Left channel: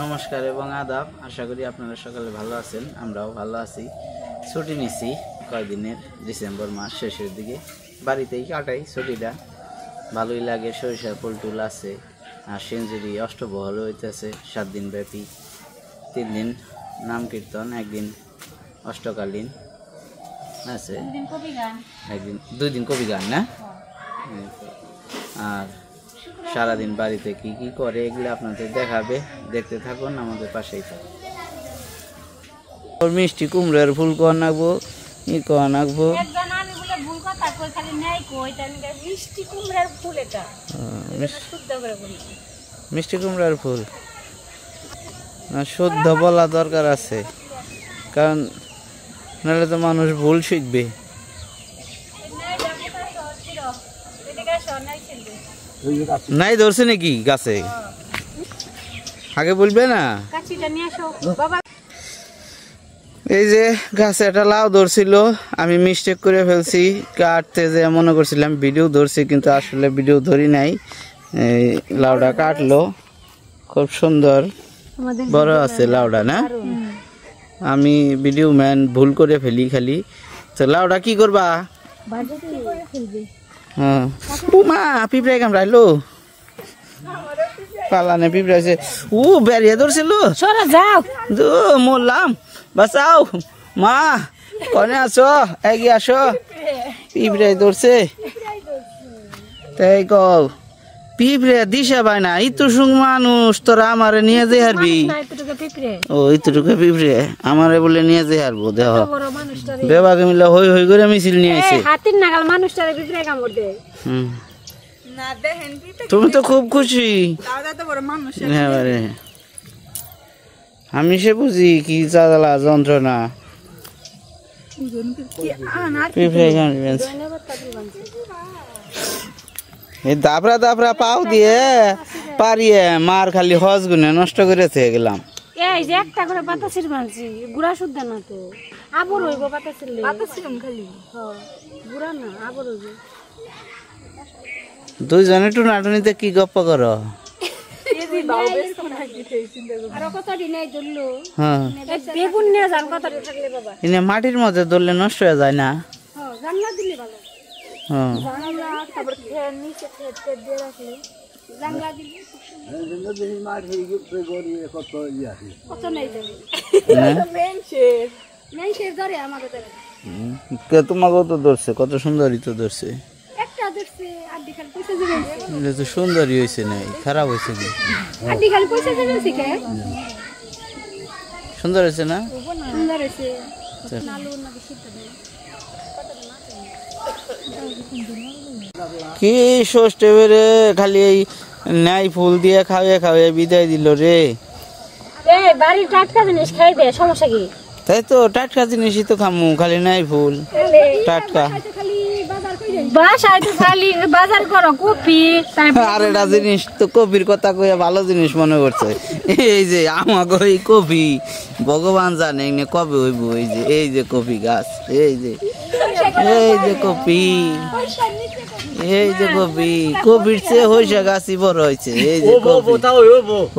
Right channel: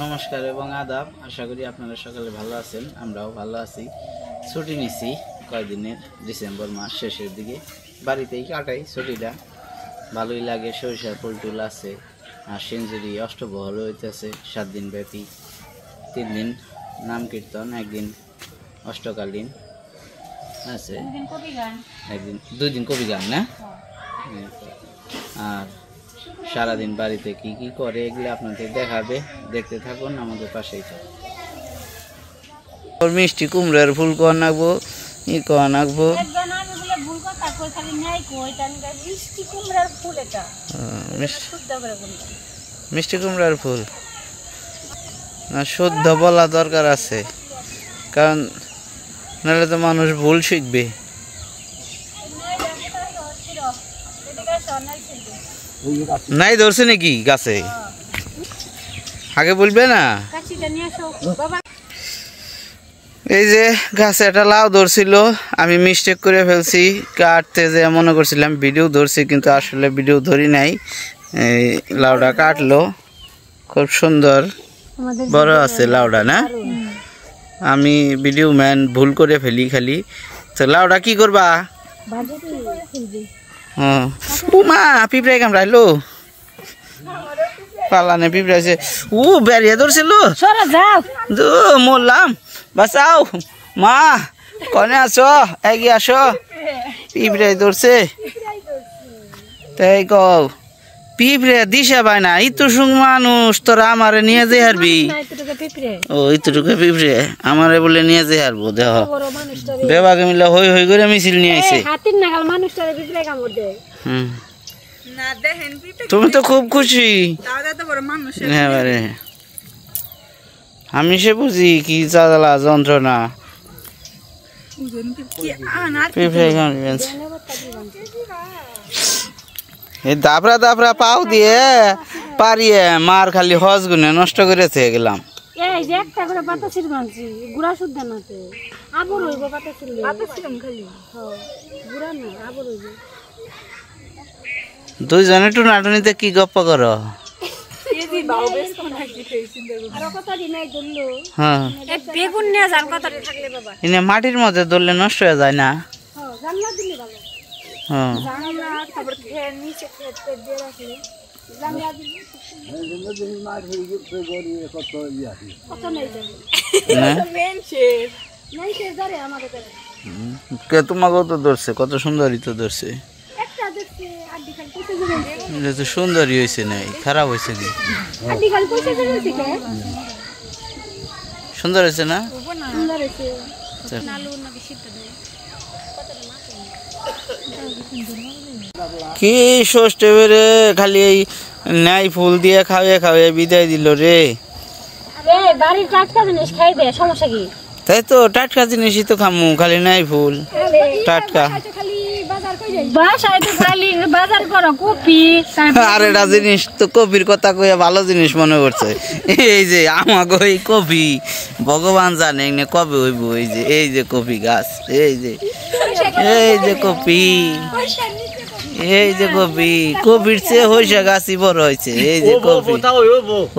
নমস্কার এবং আদাব। আশা করি আপনারা সকালে ভালো আছেন, আমরাও ভালো আছি। ছুটি নিছি কয়দিনের, ডিসেম্বর মাস শেষের দিকে বাড়িতেই কাটাই ছুটিটা। ভালোই লাগে। সরিষার ফুল টুল আছে আর সেঞ্চুরি অষ্টবহল হইতেছে 7 দিন ব্যাপী। 3 দিন নাম কীর্তন, একদিন অষ্টকালীন আছে, একদিন 2 দিন কবি গান না। আর সারাদিন বাড়িতে কি কি করে এগুলো আপনাদের দেখাবে, দেখতে থাকুন, আমাদের পাশেই থাকুন। মিষ্টি কুমড়ার ফুল কোয়া নাকবো, ই কোয়া নাকবো, মিষ্টি কুমড়ার ফুল না, শুদ্ধ বলা দরকার আছে, কারণ নাহলে তো মানুষ ভুল শিখবে। নাই ধরছে নাকি গাছে? আগে বলবে না। এই যে গাছে একটা লাউ ধরছিল, আমি মিস্টেক করে ফেলছি, কাটতে যে মনে করছিলাম ভিডিও ধরছি, কিন্তু আসলে ভিডিও ধরি নাই। এই লাউটা কাটলো, খুব সুন্দর বড় আছে লাউটা না। আমি ভিডিও ম্যান ভুল করে ফেলি খালি। তো লাউটা কি করবা? মা পিঁপড়াই কামড়াইলো, পালানে পিঁপড়াইছে। বেরিয়ে ধরছিল, মরলাম, বাঁচাও মা, কনে আছো, এগিয়ে আসো, পিঁপড়াই ধরছে। তাই কও পিঁপড়ে দিশা পাই না, ইতো সুং মানুষ, তোরা আমারে নিয়ে যে হারবি। ও ইতটুকু পিঁপড়ে আমারে বলে নিয়ে যে হারবো। দেহ বেবাকে মিলে হই হই করে মিছিল নিয়ে আইছে। তুমি তো খুব খুশি। আমি সে বুঝি কি জ্বালা যন্ত্রণা। দাবরা দাবরা পাও দিয়ে পারিয়ে মার খালি হজ গুনে নষ্ট করে থেকে গেলাম। এই যে একটা করে পাতাছির মানছি, গুড়া শুদ্ধ না তো, আবর হইব পাতাছিলাম খালি। হ্যাঁ গুড়া না, আবর হইব। দুইজনে টুনাটুনিতে কি গপ্প করো? বেগুন নিয়ে যান কথা থাকলে বাবা, এনে মাটির মধ্যে ধরলে নষ্ট হয়ে যায় না। জানলা দিলে ভালো। হ্যাঁ জানলা তারপর ফ্যান নিচে ফ্যান দিয়ে রাখলে, জানলা দিলে কত নেই যাবে মেনশের ধরে আমাদের কে তোমাকেও তো ধরছে, কত সুন্দরই তো ধরছে। একটা ধরছে আড্ডি খালি পয়সা দিবেন, এটা তো সুন্দরই হয়েছে, নাই খারাপ হয়েছে কি? আড্ডি খালি পয়সা দিবেন শিখে সুন্দর হয়েছে না? সুন্দর হয়েছে। নালু নাকি সিদ্ধ দেয় কি ষষ্ঠে বেড়ে খালি এই নাই ফুল দিয়ে খাওয়া খাওয়া বিদায় দিল রে। বাড়ির টাটকা জিনিস খাই দে, সমস্যা কি? তাই তো টাটকা জিনিসই তো খামু, খালি নাই ফুল টাটকা। আর একটা জিনিস তো কপির কথা কইয়া ভালো জিনিস মনে করছে। এই যে আমাকে ওই কপি ভগবান জানে কবে হইব। এই যে কপি গাছ, এই যে কপি, এই যে কপি, কপির চেয়ে হইসা গাছই বড় হয়েছে। এই যে কপি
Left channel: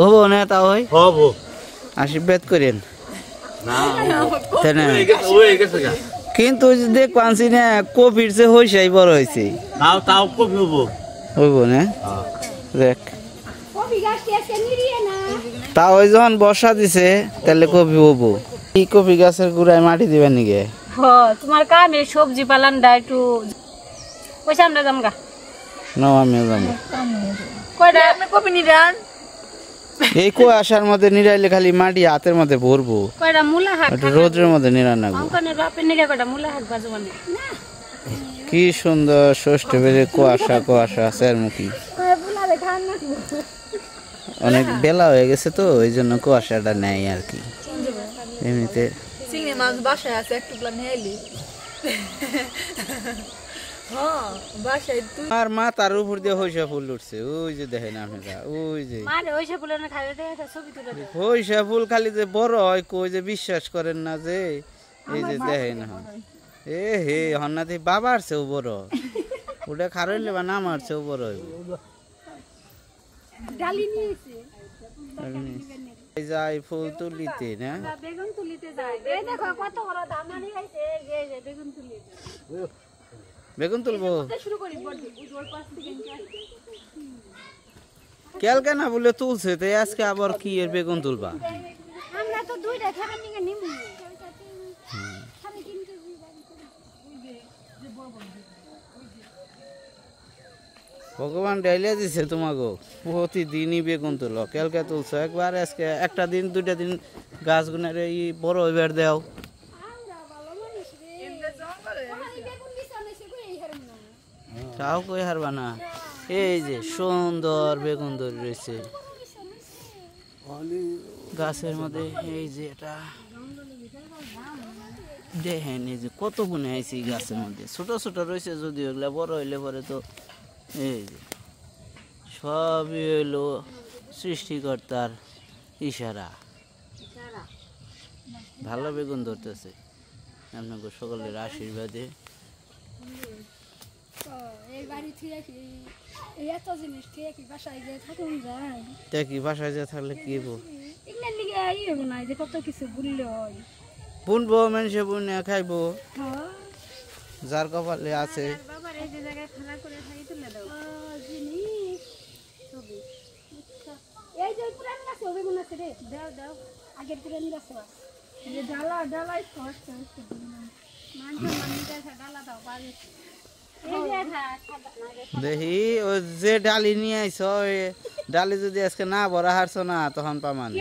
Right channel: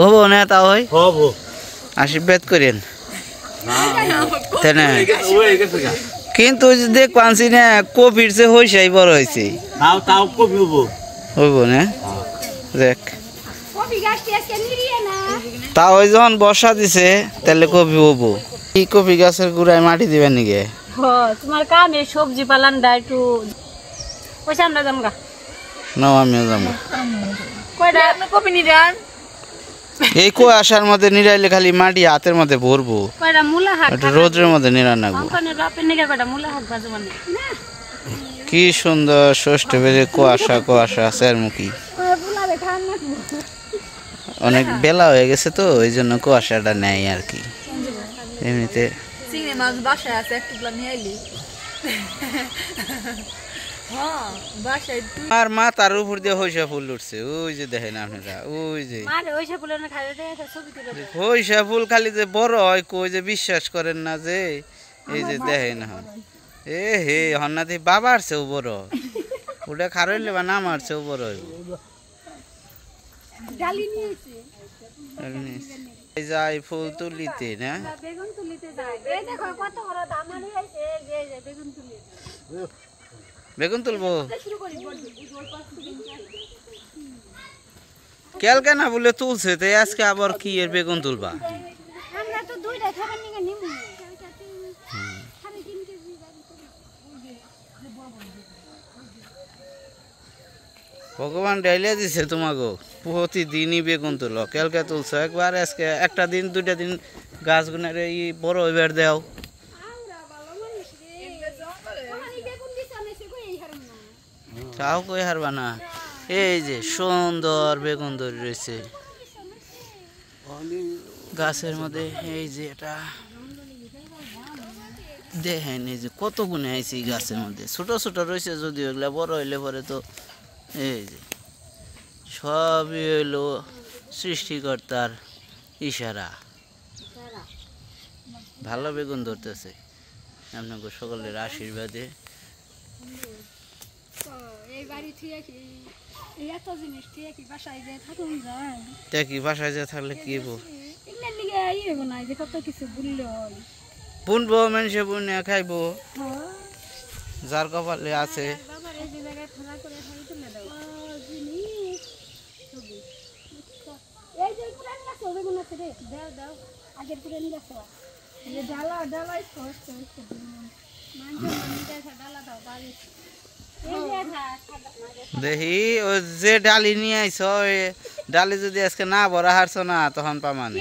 হবো না, তা হয় আশীর্বাদ করেন। কিন্তু দেখ পাচ্ছি না কপির চেয়ে হইসাই বড় হয়েছে, হইব না। দেখ তা ওই যখন বর্ষা দিছে তাহলে কপি হবো। এই কপি গাছের গুড়ায় মাটি দিবেন নাকি? তোমার কাম এই সবজি পালান দা একটু পয়সা আমরা যামগা না, আমিও যাবো। কয়টা আপনি কপি নিরান? এই কুয়াশার মধ্যে নিরাইলে খালি মাটি হাতের মধ্যে ভরবো, কয়টা মূলা শাক একটু রোদ্রের মধ্যে নিরান রাখবো। অঙ্কনের বাপের নিগা কয়টা মূলা শাক ভাজো মানে কি সুন্দর ষষ্ঠে বেড়ে কুয়াশা কুয়াশা স্যারমুখী। অনেক বেলা হয়ে গেছে তো ওই জন্য কুয়াশাটা নেয় আর কি। এমনিতে আর মা তার উপর দিয়ে হইসা ফুল উঠছে, ওই যে দেখেন আপনারা, ওই যে হইসা ফুল খালি যে বড় হয় কই যে বিশ্বাস করেন না যে। এই যে দেখেন এ হে হন্নাথি বাবার চেয়েও বড়, ওটা খারইলে বা নামার চেয়েও বড় হইব। যাই ফুল তুলিতে না বেগুন তুলিতে যায়। এই দেখো কত বড় দামানি হইছে, যে বেগুন তুলি। বেগুন তুলবো শুরু করি ওর পাশ থেকে নিয়ে। কালকে না বলে তুলছে তো আজকে আবার কি এর বেগুন তুলবা? আমরা তো দুইটা খাবার নিয়ে নিমু। ভগবান ডাইলিয়া দিছে তোমাকে প্রতিদিনই বেগুন তুলো, কালকে তুলছো একবার, আজকে একটা দিন দুইটা দিন গাছ গুনার এই বড় হইবার দেও। তাও কই হারবা না। এই যে সুন্দর বেগুন ধরে রয়েছে গাছের মধ্যে। এই যে এটা দেখেন, এই যে কত গুণে আইছে এই গাছের মধ্যে, ছোট ছোট রয়েছে যদিও, এগুলা বড় হইলে পরে তো এই যে সবই হইলো সৃষ্টিকর্তার ইশারা। ভালো বেগুন ধরতেছে আপনাকে সকলের আশীর্বাদে। কি বাসায় যে থাকলে কি বুনবো, মানুষে বুনে খাইবো, যার কপালে আছে। দেখি ও যে ডালি নিয়ে আইছ, ডালি যদি আজকে না ভরা হারছো না তখন পামানি।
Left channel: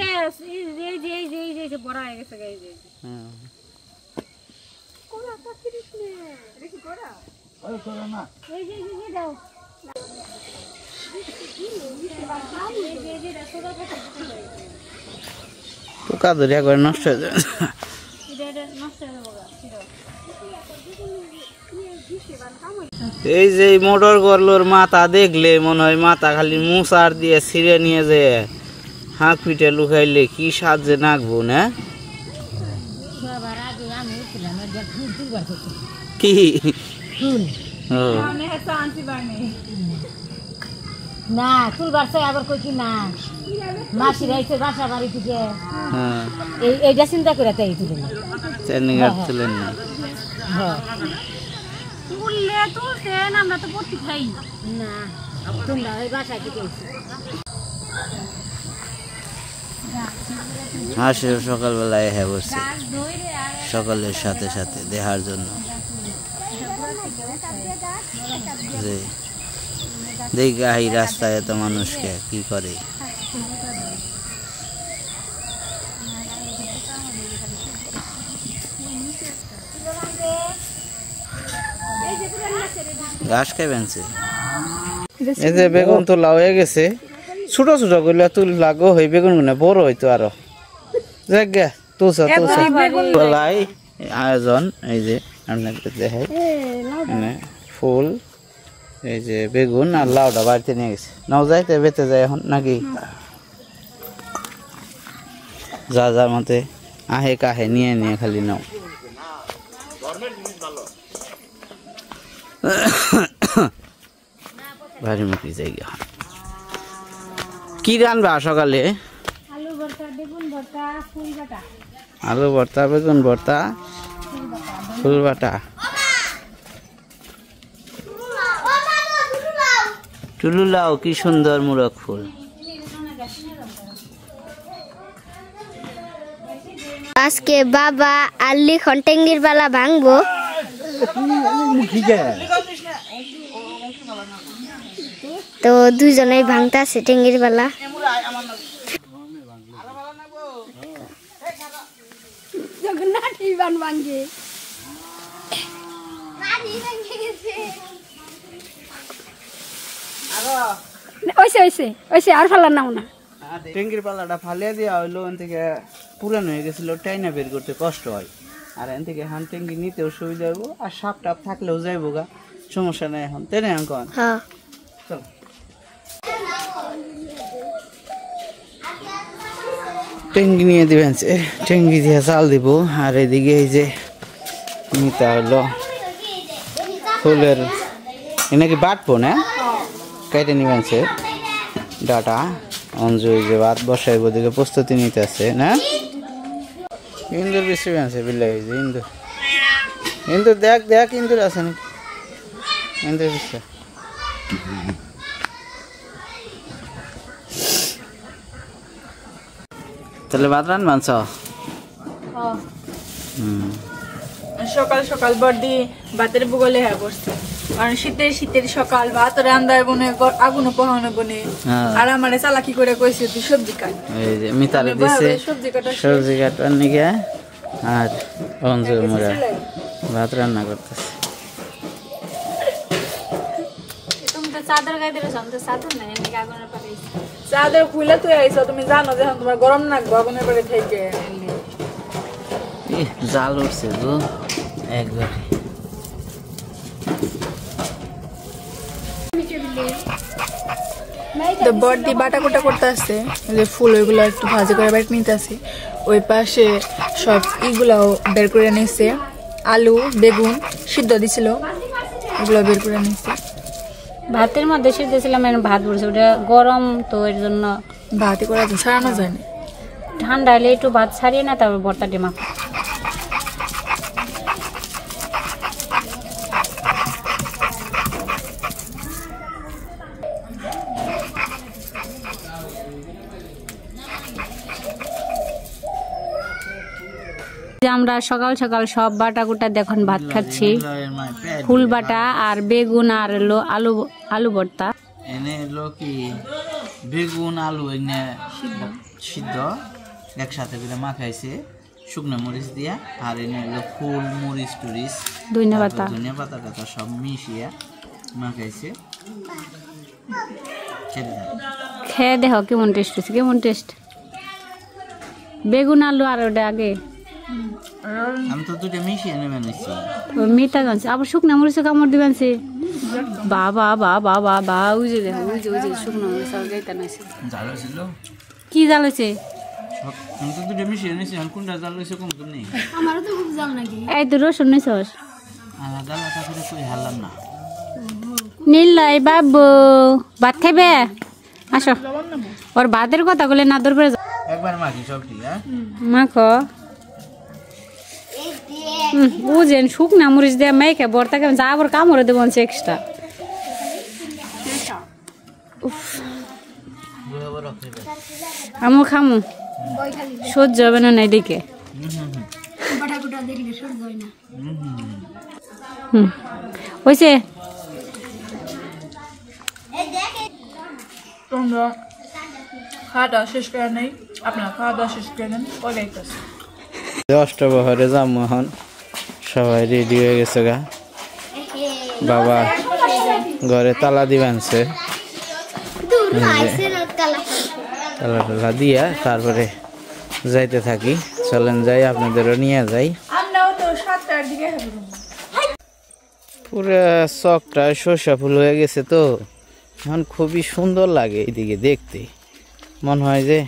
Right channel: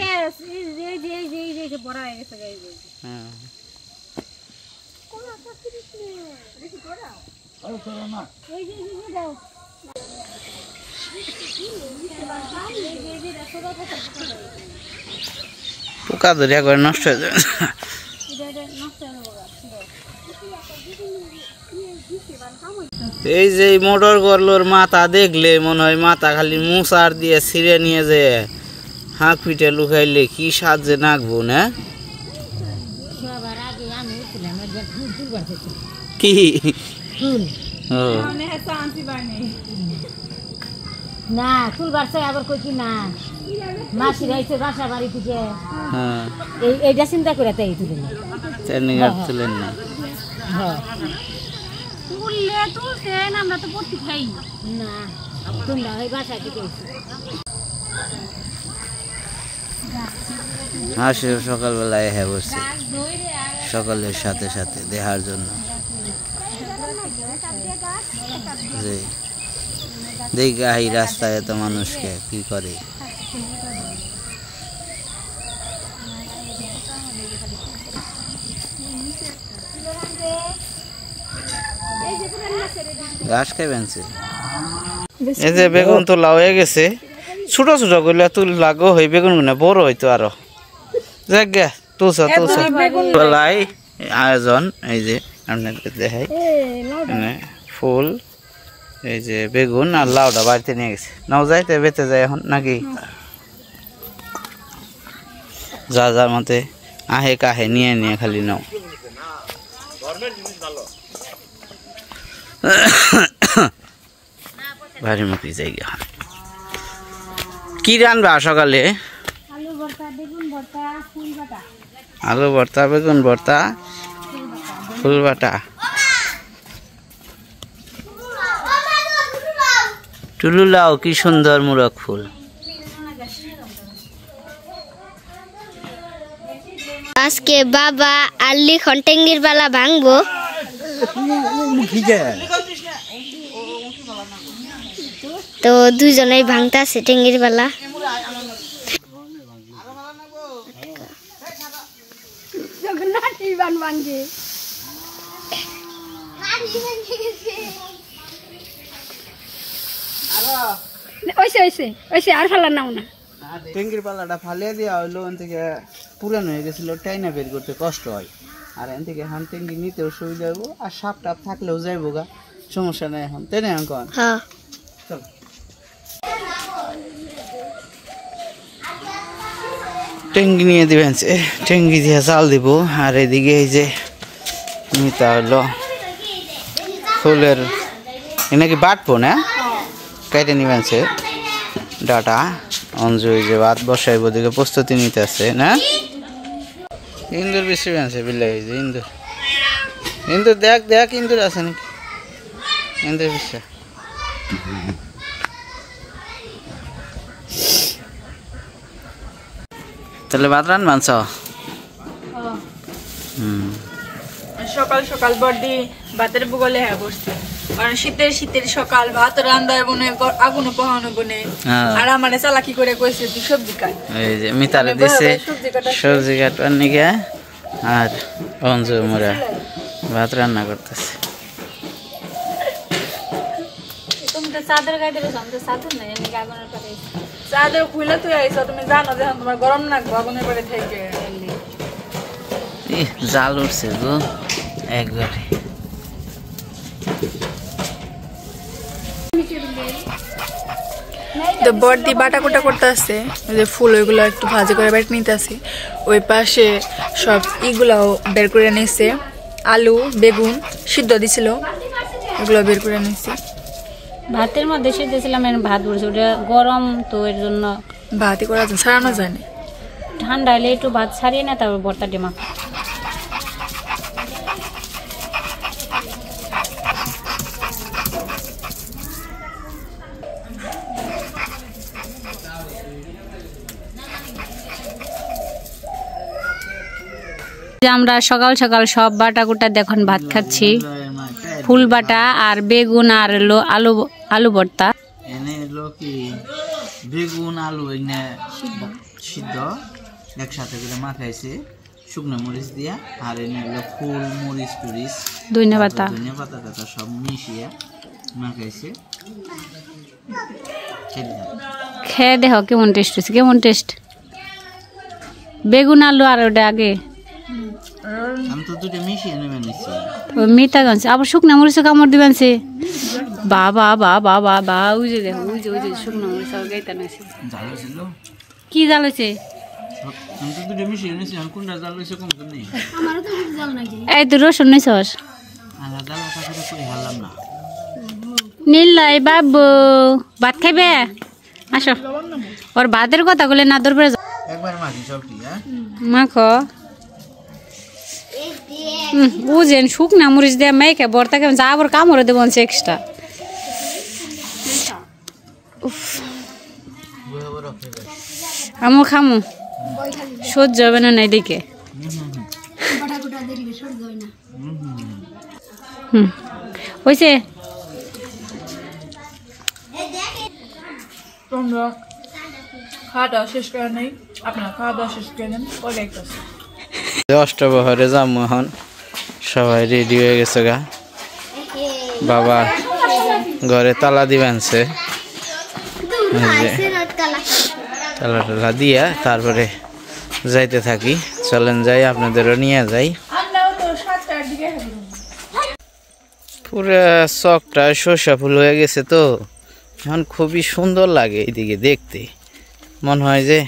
পোকা ধরিয়া করে নষ্ট হয়ে যাবে। এই যে মোটর গরলোর মাথা দেখলে মনে হয় মাথা খালি মুসার দিয়ে ছিঁড়ে নিয়ে যে হাঁক পিঠে লুকাইলে কি সাজে নাকবো না। কি না ফুল বাড়ছে আবার কই কি না মাসি রাইছে বাসা বাড়ি থেকে। হ্যাঁ এইটা চিন্তা করে তাই তুলে না, তেনিগার তুলেন না। হ্যাঁ তুললে তুলছেন, আমরা তো পড়তে খাই না, তোমরা ওই বাসা থেকে হাসি সকালবেলায় হ্যাঁ বসছে সকলের সাথে সাথে দেখার জন্য। দেখি এই রাস্তায় এত মানুষকে কি করে। ঘাস খাইবেনছে। এই যে বেগুন তোলা হয়ে গেছে, ছোট ছোট করলে তুল লাগো হই বেগুন গুলো বড় হইতো আরো। জায়গা তুলছা তুলছা বেলায় আয়োজন। এই যে আপনাকে দেখাই, ফুল, এই যে বেগুন আর লাউটা বাড়িতে নিয়ে গেছে। নাও যাইতে বেঁচে যায় এখন নাকি যা যার মতে আহে কাহে নিয়ে নিয়ে খালি নাও। ভারী মুখি জায়গা। কি রান্না সকালে? আলু ভর্তা, বেগুন ভর্তা, ফুল বাটা। আলু ভর্তা, বেগুন ভর্তা, ফুল বাটা। টুলু লাউ, কি সুন্দর মুরগ ফুল। আজকে বাবা আল্লি খন্টেঙ্গির বালা ভাঙবো। তো দুজনেই ভাঙতাছে টেঙ্গির বালা। আর ফালা নাও না, টেঙ্গির পালাটা ফালিয়ে দেওয়া হইলো, এন থেকে পুরানো হয়ে গেছিল, টাইনা বের করতে কষ্ট হয়। আর এন থেকে হান টেঙ্গি নিতেও সুবিধা হইব, আর সাপ টাপ থাকলেও যাইব গা, সমস্যা নেই এখন, তাই না এখন? চলো টেঙ্গি নিয়ে দিবেন, টেঙ্গি দিয়ে চাল দিব। আর এদিকে এই যে নিতে হলো ফুলের, নাকি বাটবো না, কেটে নিবেন ডাটা। অঞ্জু ওই যে ভাত বসাইব ওদিকে প্রস্তুতি নিতে আছে না। ইন্দুর বেশি আছে বিলাই যে ইন্দুর ইন্দুর দেখ দেখ ইন্দুর আছে নাকি ইন্দুর বেশি। তাহলে ভাত রান মানছ? সকাল সকাল বড়দি ভাতের বগলে হ্যাঁ করছে, কারণ শীতের সকাল ভাত রান্দায় বনে আগুন পোহানো বনে। আর আমারে চালাকি করে কইছে তুই সবজি কাট। এই যে মিতারে দিছে সবজি কাটবার নিগে আর অঞ্জু মোরা ভাত রান্না করতেছে। তুমি তো চাদর গায়ে দিলে তো চাদর নাই, আমি আগুনের পারে চাদর খুলে তুই আইছো, তুমি জানো যে তোমার গরম লাগবে আগুনের পারে থেকে। জাল উঠছে গো একবারে। তো বড়দি বাটা কোটা করতে আসছে, যে ফুল ওইগুলো একটু ভাজি করে বের নিতে আসে। ওই পাশে সব ইগুলাও বের করে নিচ্ছে, আলু বেগুন সিদ্ধ দিছিল এগুলো বের করে নিচ্ছে। ভাতের মধ্যে সিদ্ধছিলাম, ভাত বলছে ওটা গরম তো এর জন্য ভাতই করা যায়, সারানো যায় না। ঠান্ডা হলে একটু ভাত ছাড়িয়ে না তারপর ভর্তা ডিমা। আমরা সকাল সকাল সব বাটা কুটা দেখুন ভাত খাচ্ছি, ফুল বাটা আর বেগুন আর আলু আলু ভর্তা। এনে হলো কি বেগুন আলু এনে সিদ্ধ একসাথে করে মাখাইছে শুকনো মরিচ দিয়া, আর এনে হলো ফুল মরিচ টুরিচ ধনিয়া পাতা টাতা সব মিশিয়া মাখাইছে। খেয়ে দেখো কেমন টেস্ট হচ্ছে, কেমন টেস্ট। বেগুন আলু আর ওটা আগে আমি তো দুটো মিশিয়ে নেবে নিচ্ছি। মিঠা গাছ আবার শুকনো মরিচ কামড় দিবেন সে বাবা বাবা বাবা। ওই যে দেখো ওই যে শুকনো মরিচ গাইতে নাইছে কি জাল হয়েছে। এই তো রসুন নিছস নীলাই বাবু ভাত খাইবে আসো। ওর ভাতের কথা বলে না দরবারে মাখো বুঝেন শুকনা মরিচ দিয়ে মেখে বর্তা কেমন যা আবার কামড়ে দেবো এক্সট্রা। আমু খামু সহ্য হবে না নাই দেখে। হয়েছে তোমরা খাওয়া দাওয়া শেষ করে নেই, আপনারা খাওয়া দাওয়া শেষ করে নেন, পরে একটা অষ্টবহরে যাবো এখন, সবাই রেডি হয়ে গেছে গা। বাবা ঘরে তালা দিবেনছে, তালা টালা দিয়া তারপরে যাইতে থাকি। চলেন যাই, আপনাদেরও নিয়ে যাই। পুরা চকটা সর্ষা ফুল হয়ে গেছে তো এখন খুবই সুন্দর লাগে এইদিকে দেখতে, মনে হয় যে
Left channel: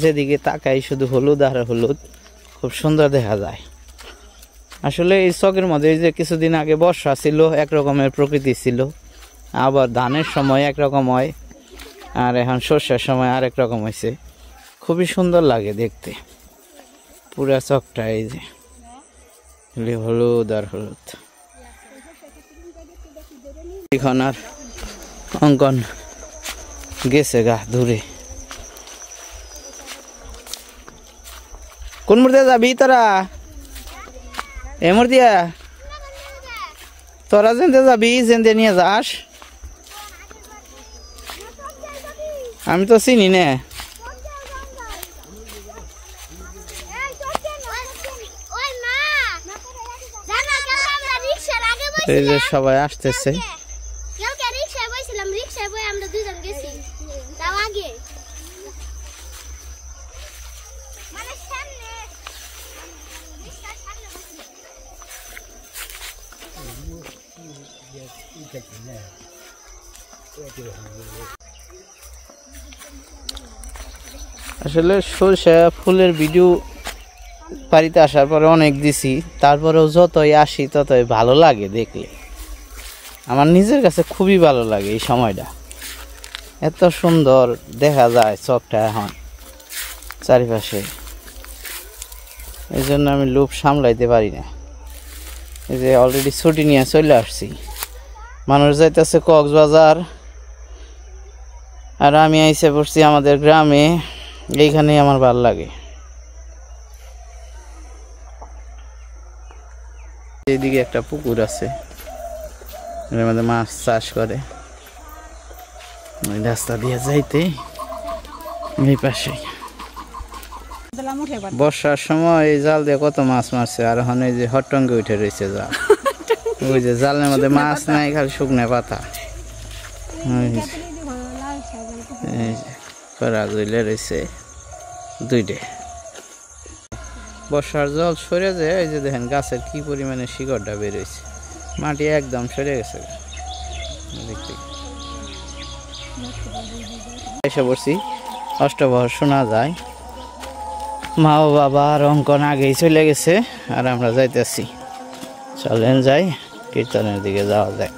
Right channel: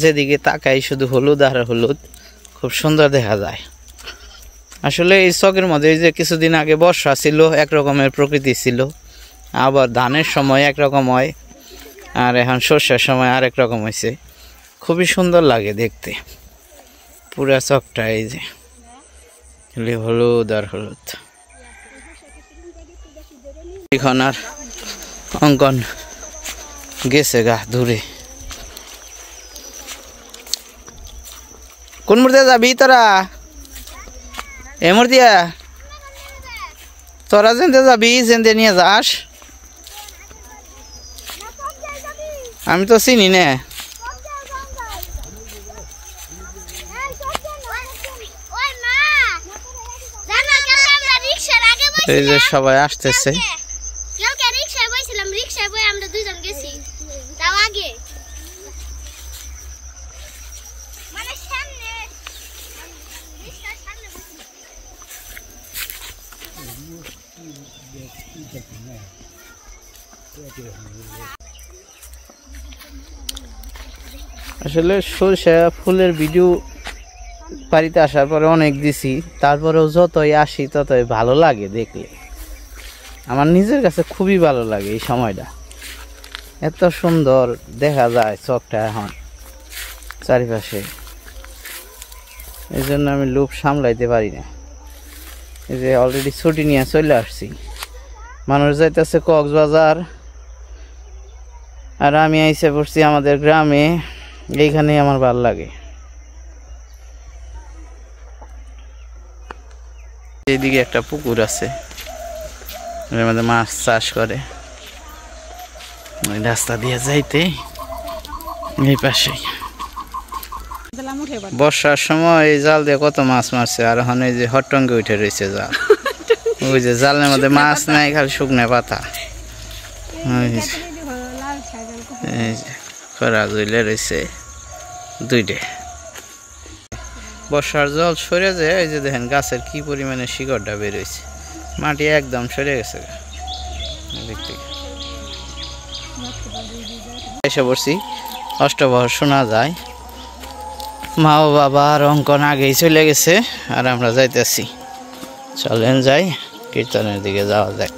যেদিকে তাকাই শুধু হলুদ আর হলুদ, খুব সুন্দর দেখা যায়। আসলে এই চকের মধ্যে এই যে কিছুদিন আগে বর্ষা ছিল, একরকমের প্রকৃতি ছিল, আবার ধানের সময় একরকম হয়, আর এখন সর্ষার সময় আরেক রকম হয়েছে। খুবই সুন্দর লাগে দেখতে পুরা চকটা, এই যে হলুদ আর হলুদ। এখন আর অঙ্কন গেছে গা দূরে। কোন মূর্তি যাবি তোরা? এ মূর্তিয়া তোরা যেতে যাবি, যেতে নিয়ে যাস, আমি তো চিনি না। এই যে সবাই আসতেছে। আসলে সরষা ফুলের ভিডিও বাড়িতে আসার পরে অনেক দিছি, তারপরেও যতই আসি ততই ভালো লাগে দেখলে। আমার নিজের কাছে খুবই ভালো লাগে এই সময়টা। এত সুন্দর দেখা যায় চকটা এখন চারিপাশে, এই জন্য আমি লোভ সামলাইতে পারি না। এই যে অলরেডি ছুটি নিয়ে চলে আসছি, মানুষ যাইতেছে কক্সবাজার আর আমি আইসে পড়ছি আমাদের গ্রামে। এইখানে আমার ভালো লাগে। এইদিকে একটা পুকুর আছে, এর মধ্যে মাছ চাষ করে। ওই রাস্তা দিয়ে যাইতে এই পাশে বর্ষার সময় এই জাল দিয়ে কত মাছ মারছে, আর এখন এই যে হট্টঙ্গে উঠে রয়েছে জাল। ওই যে জালের মধ্যে মাছ নাই, খালি শুকনো পাতা। এই যে খরা জইলে রয়েছে দুইটা। বর্ষার জল সরে যায়, এই যে দেখেন গাছের কি পরিমাণে শিকড়টা বেরোইছে, মাটি একদম সরে গেছে। এসে পড়ছি, অষ্টপ্রহর শোনা যায়। মা ও বাবা আর অঙ্কন আগেই চলে গেছে, আর আমরা যাইতেছি। চলেন যাই, কীর্তনের দিকে যাওয়া যাক।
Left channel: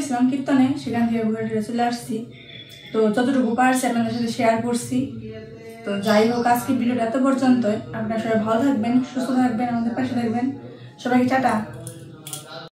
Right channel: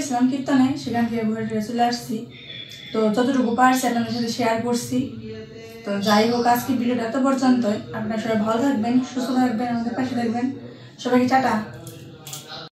গেছিলাম কীর্তনে, সেখান থেকে ঘুরে চলে আসছি। তো যতটুকু পারছি আপনাদের সাথে শেয়ার করছি। তো যাই হোক, আজকে ভিডিওটা এত পর্যন্তই। আপনারা সবাই ভালো থাকবেন, সুস্থ থাকবেন, আমাদের পাশে থাকবেন। সবাইকে টাটা।